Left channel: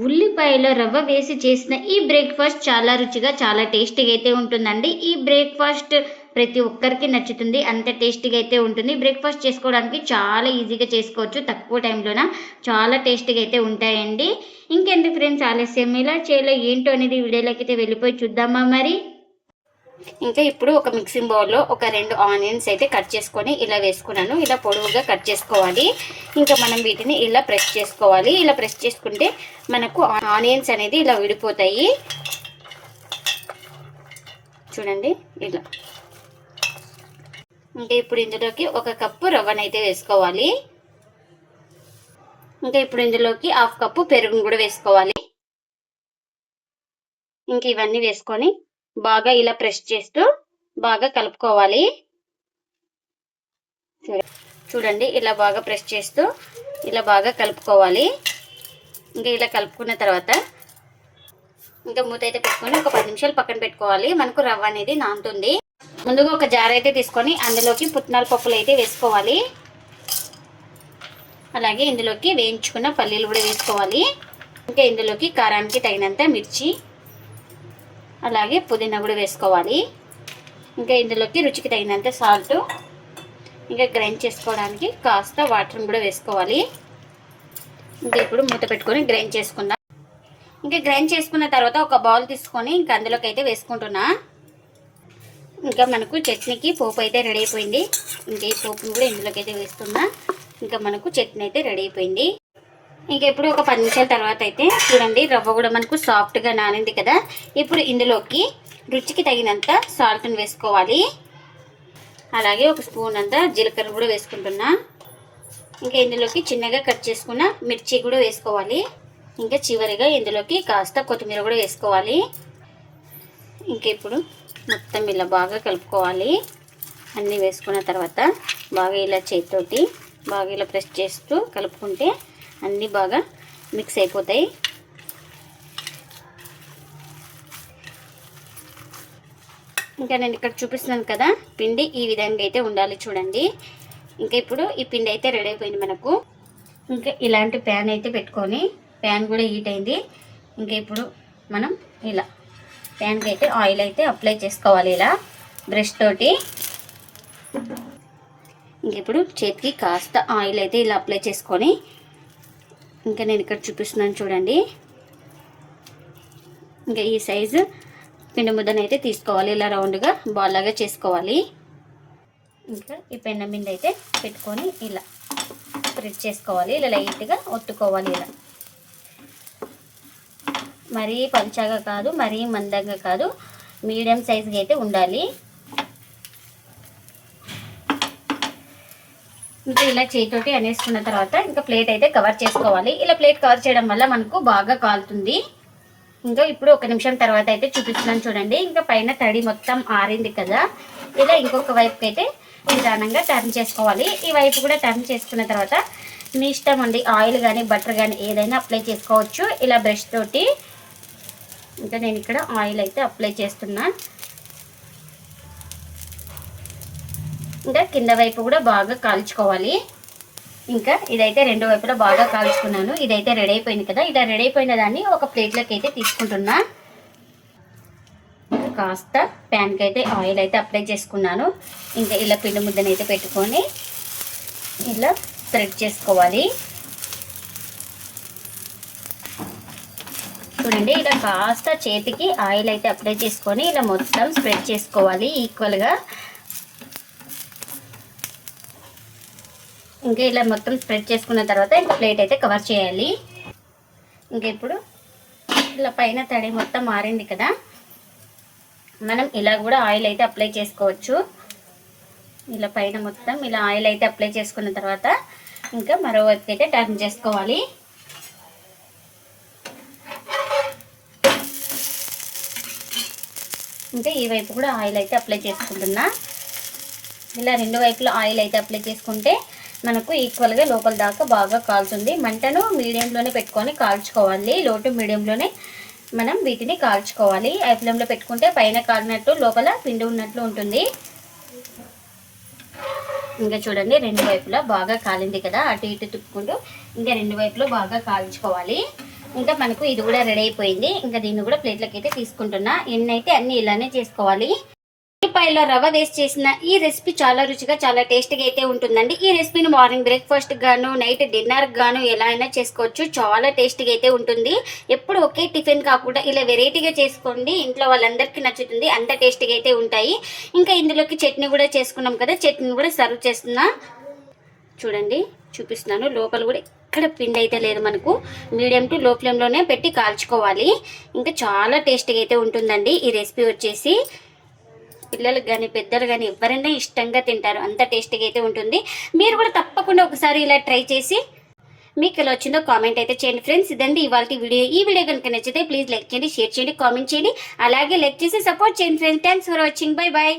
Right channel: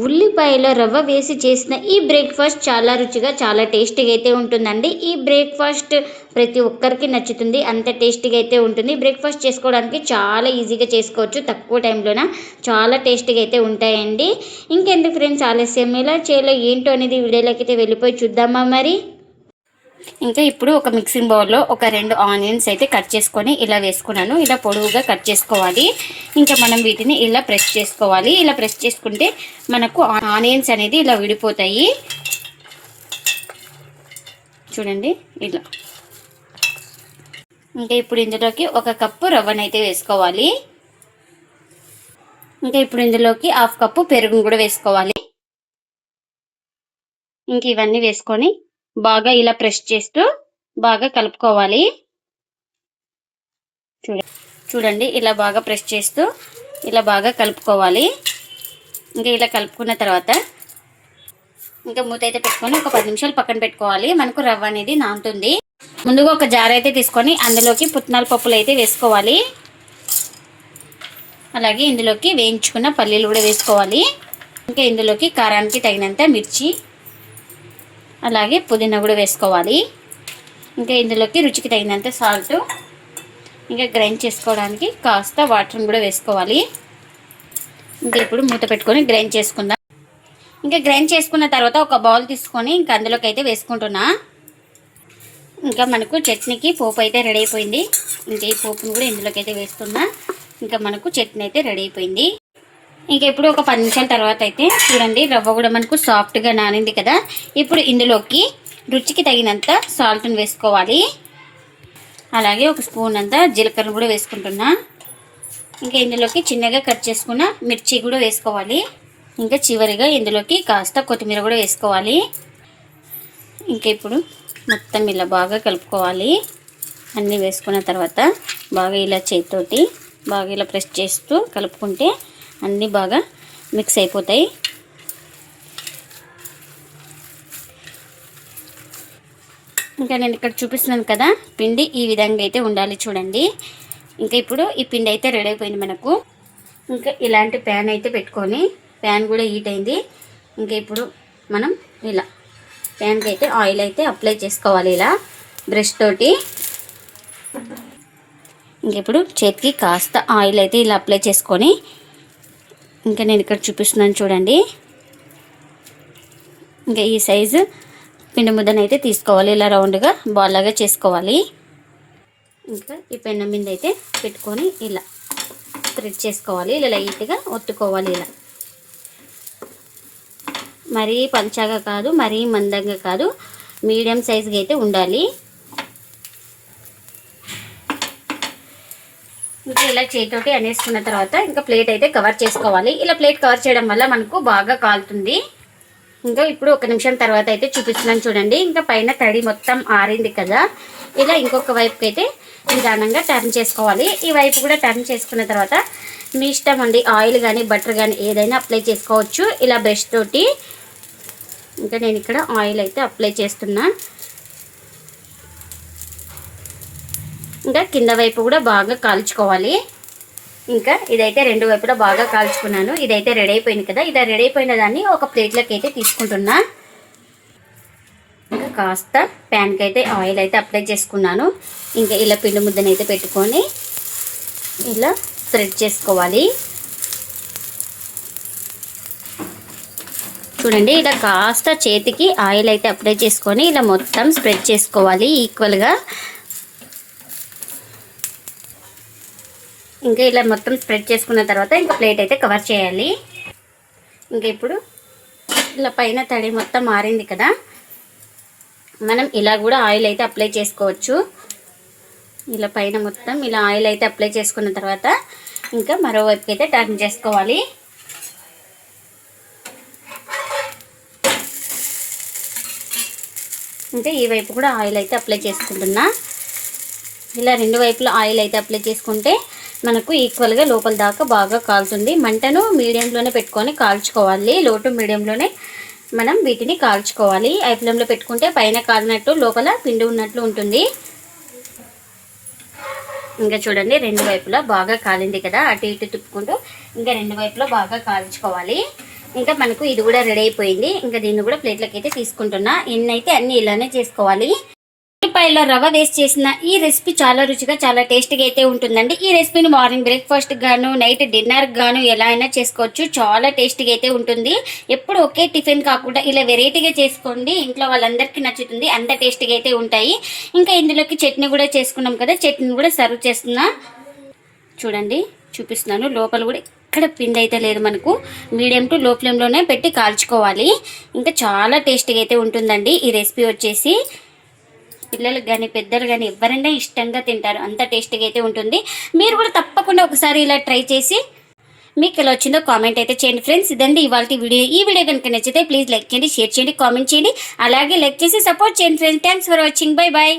ఉల్లిపాయలో రవ్వ వేసి చేసిన ఈ బ్రేక్ఫాస్ట్ చాలా రుచిగా చాలా టేస్టీగా అయితే ఉంటుందండి. ఈ బ్రేక్ఫాస్ట్ ప్రతి ఒక్కరికి నచ్చుతుంది. అంత టేస్టీగా అయితే ఉంటుంది. బ్రేక్ఫాస్ట్ చేసుకోవడానికి చాలా ఈజీగా చేసుకోవచ్చు. తక్కువ టైంలోన చాలా టేస్టీగా అయితే ఉంటాయండి. ఇంకెందుకు ఫ్రెండ్స్ ఆలస్యం, ఎలా చేయాలో ఏంటో అనేది వీడియోలోకి అయితే వెళ్ళిపోయి చూద్దామా మరి. ఇంకా ఇప్పుడు ఒక మిక్సింగ్ బౌల్లో ఒక 2 ఆనియన్స్ అయితే కట్ చేసుకొని ఇలా వేసుకున్నాను. ఇలా పొడవుగా కట్ చేసుకోవాలి. ఇంకా మనం వీటిని ఇలా ప్రెస్ చేసుకోవాలి. ఇలా ప్రెస్ చేసుకుంటే మనకు ఆనియన్స్ అనేది ఇలా విడిపోతాయి. చూడండి ఇలా. ఇంకా ఇప్పుడు ఇందులోకి 1 కప్పు రవ్వనైతే వేసుకోవాలి. ఇంకా ఇప్పుడు ఇందులోకి 1/2 కప్పు పెరుగును కూడా వేసుకోవాలి. ఇంక ఇవన్నీ వేసుకొని బాగా ఇలా ప్రెస్ చేస్తూ బాగా కలుపుకోవాలి. చూడండి ఇలా బాగా ప్రెస్ చేస్తూ ఇలా బాగా కలుపుకోవాలి. ఇంకా ఇలా కలుపుకున్న తర్వాత ఇంకా మూత అయితే పెట్టుకొని ఒక 10 నిమిషాలు పక్కన పెట్టుకోవాలి. మనకు రవ్వ అనేది నానుతుంది. ముందుగా ఒక జార్ అయితే తీసుకొని అందులోకి పుట్నాల పప్పులు అయితే వేసుకోవాలి. అలాగే ఇందులోకి వేయించుకున్న పల్లీలు కూడా వేసుకోవాలి. ఇంకా ఇందులోకి కారానికి తగినంత మిర్చి, అలాగే పుదీనా కూడా వేసుకోవాలి. ఇంకా ఇందులోకి రుచికి తగినంత సాల్ట్, ఇంకా గ్రైండ్ చేసుకోవడానికి కాస్త వాటర్ని కూడా వేసుకోవాలి. ఇంకా ఇప్పుడు మూత పెట్టుకొని గ్రైండ్ చేసుకుందాం. ఇంకా గ్రైండ్ చేసుకున్న తర్వాత ఒక బౌల్ తీసుకొని ఇంకా అందులోకి అయితే వేసుకుంటున్నా. ఇంకా మనకు చట్నీకి పోపు అయితే రెడీ అయిపోయింది. ఇంకా ఈ పోపును కూడా ఇందులోకి అయితే వేసుకుందాం. ఇంకా మనకు చట్నీ అయితే రెడీ అయిపోయింది. ఇంకా ఇప్పుడు ఒక 10 నిమిషాల తర్వాత అయితే చూడండి రవ్వ కూడా మనకు సాఫ్ట్గా నానింది కదా. ఇప్పుడు ఇందులోకి రుచికి తగినంత సాల్ట్ని వేసుకోవాలి. అలాగే ఒక స్పూన్ అంతా జీలకర్ర కూడా వేసుకుంటున్నా. ఇంకా ఇందులోకి చిన్నగా కట్ చేసుకున్న మిర్చి కూడా వేసుకోవాలి. ఇంకా చివరిగా ఇందులోకి కాస్త కొత్తిమీర కూడా వేసుకోవాలి. ఇంకా ఇప్పుడు మొత్తం ఇలా బాగా కలుపుకోవాలి. అన్నీ వేసుకున్న తర్వాత బాగా ఇలా చేతితోటి బాగా ఇలా ప్రెస్ చేస్తూ కలుపుకుంటే అన్నీ బాగా మిక్స్ అయిపోతాయి. ఇంకా నేను ఇక్కడ చూపిస్తున్నాను కదా పిండి ఈ విధంగా అయితే ఉండాలి చూడండి. ఇంకా ఇప్పుడు ఈ పిండి అయితే రెడీ అయిపోయింది మనకు. ఇంకా ఇలాంటి ప్యాన్ అయితే పెట్టుకొని ప్యాన్ కూడా హీట్ అయింది. ఇంకా ఇప్పుడు మనం ఇలా ప్యాన్కి అయితే ఆయిల్ అయితే అప్లై చేసుకోవాలి ఇలా బ్రష్ తోటి. ఇంక ఇప్పుడు చేతికి కాస్త ఆయిల్ అయితే ఇలా అప్లై చేసుకొని ఇంకా నేను ఇక్కడ చూపిస్తున్నాను చూడండి. ఇంకా ఈ సైజు పిండి ముద్దను అయితే తీసుకోవాలి. ఇలా రౌండ్గా బాల్ లాగా చేసుకోవాలి. ఇంకా ఈ పెన్నం మీద అయితే పెట్టుకొని ఇలా స్ప్రెడ్ చేసుకోవాలి. ఇలా లైట్గా ఒత్తుకోవాలి. ఇలా మరీ పల్చగా కాదు, మరీ మందంగా కాదు, మీడియం సైజుగా అయితే ఉండాలి. ఇంకా ఇలా చేతితోటి అనేసుకున్న తర్వాత ఇంకా ప్లేట్ అయితే కవర్ చేసుకోవాలి. ఇలా ప్లేట్ కవర్ చేయడం వల్ల మనకు బాగా కాలుతుంది. ఇంకా ఇప్పుడు 1 నిమిషం తర్వాత అయితే చూపిస్తున్నాను చూడండి. ఇంకా పైన తడి మొత్తం ఆరింది కదా. ఇలా ఇంకొక వైపుకి అయితే నిదానంగా టర్న్ చేసుకోవాలి. ఈ వైపు కూడా టర్న్ చేసుకున్న తర్వాత మీ ఇష్టం అండి, ఆయిల్ కానీ బటర్ కానీ ఏదైనా అప్లై చేసుకోవచ్చు ఇలా బ్రష్ తోటి. ఇంకా నేను ఇక్కడ ఆయిల్ అయితే అప్లై చేస్తున్నా. ఇంకా కింద వైపు కూడా బాగా కాల్చుకోవాలి. ఇంకా ఇదైతే 2 వైపులా బాగా కాల్చుకున్నాను. ఇదైతే రెడీ అయిపోయింది కదా. ఇది రెడీ అయిపోయిన దాన్ని ఒక ప్లేట్లోకి అయితే తీసుకుంటున్నా. ఇంకా కాస్త ప్యాన్కి అయితే ఆయిల్ అయితే అప్లై చేసుకున్నాను. ఇంకా ఇలా పిండి ముద్దను అయితే పెట్టుకొని ఇలా స్ప్రెడ్ చేసుకోవాలి. చూడండి ఇలా కాస్త చేతికి ఆయిల్ అయితే అప్లై చేసుకొని ఇలా మొత్తం స్ప్రెడ్ చేసుకోవాలి ఈక్వల్గా. ఇంకా ఇలా మొత్తం స్ప్రెడ్ చేసుకున్న తర్వాత ఇంకా ప్లేట్ అయితే కవర్ చేయాలి. ఇంకా ఇప్పుడు ఇలా పైన తడి మొత్తం మారింది కదా. మనం ఇలా కూడా ఆయిల్ అయితే అప్లై చేసుకోవచ్చు. ఇలా పైన మొత్తం ఇలా ఆయిల్ అయితే అప్లై చేసుకున్న తర్వాత ఇంకా మరోవైపు అయితే టర్న్ చేసుకోవాలి. ఇంకా ఈ వైపు కూడా ఆయిల్ అయితే అప్లై చేసుకుంటున్నా. ఇలా 2 వైపులా ఆయిల్ అయితే అప్లై చేసుకుంటే మనకు ఈక్వల్గా లోపల దాకా బాగా కాలుతుంది. మంటను మీడియంలోనే పెట్టుకొని కాల్చుకోవాలి. లో టు మీడియంలోనే మనం వీటిని కాల్చుకోవాలి. హై ఫ్లేమ్లో పెట్టుకుంటే పైన కాలినట్టు లోపల పిండి ఉన్నట్లు ఉంటుంది. ఇంకా చూడండి 2 వైపులా బాగా కాలింది కదా. అటు ఇటు తిప్పుకుంటూ ఇంకా 2 వైపులా బాగా కాల్చుకోవాలి. ఇంకా మనకు ఇది కూడా రెడీ అయిపోయింది. ఇంకా దీన్ని కూడా ప్లేట్లకి అయితే తీసుకుంటున్నా. ఎన్ని అయితే అన్ని ఇలానే చేసుకోవాలి. ఉల్లిపాయలో రవ్వ వేస్ట్ చేసిన ఈ రెసిపీ చాలా రుచిగా చాలా టేస్టీగా అయితే ఉంటుందండి. ఈ రెసిపీని మార్నింగ్ బ్రేక్ఫాస్ట్ గాను నైట్ డిన్నర్ గాను ఎలా అయినా చేసుకోవచ్చు. చాలా టేస్టీగా అయితే ఉంటుంది. ఎప్పుడు ఒకే టిఫిన్ కాకుండా ఇలా వెరైటీగా చేసుకోండి, ఇంట్లో వాళ్ళందరికీ నచ్చుతుంది. అంత టేస్టీగా అయితే ఉంటాయి. ఇంకా ఇందులోకి చట్నీ కూడా చేసుకున్నాం కదా, చట్నీ కూడా సర్వ్ చేస్తున్నా. చూడండి చూపిస్తున్నాను. లోపల కూడా ఎక్కడ పిండి అయితే లేదు. మనకు మీడియం టు లో ఫ్లేమ్లోనే పెట్టి కాల్చుకోవాలి. ఇంకా చాలా టేస్టీగా అయితే ఉంటుందండి ఈ రెసిపీ వచ్చేసి. పిల్లలకు కానీ పెద్దలు కానీ ఎవరైనా ఇష్టంగా తింటారు. అంత టేస్టీగా అయితే ఉంటుంది. మీరు కూడా తప్పకుండా ఒకసారి ఇలా ట్రై చేసి మీకు ఎలా వచ్చిందో కామెంట్ అయితే చేయండి ఫ్రెండ్స్. ఇదండి ఇవాళ వీడియో. ఈ వీడియో కనుక నచ్చితే ప్లీజ్ లైక్ చేయండి, షేర్ చేయండి, కామెంట్ చేయండి. అలాగే లైక్ చేసి సపోర్ట్ చేయండి friends. Thanks for watching. Bye bye.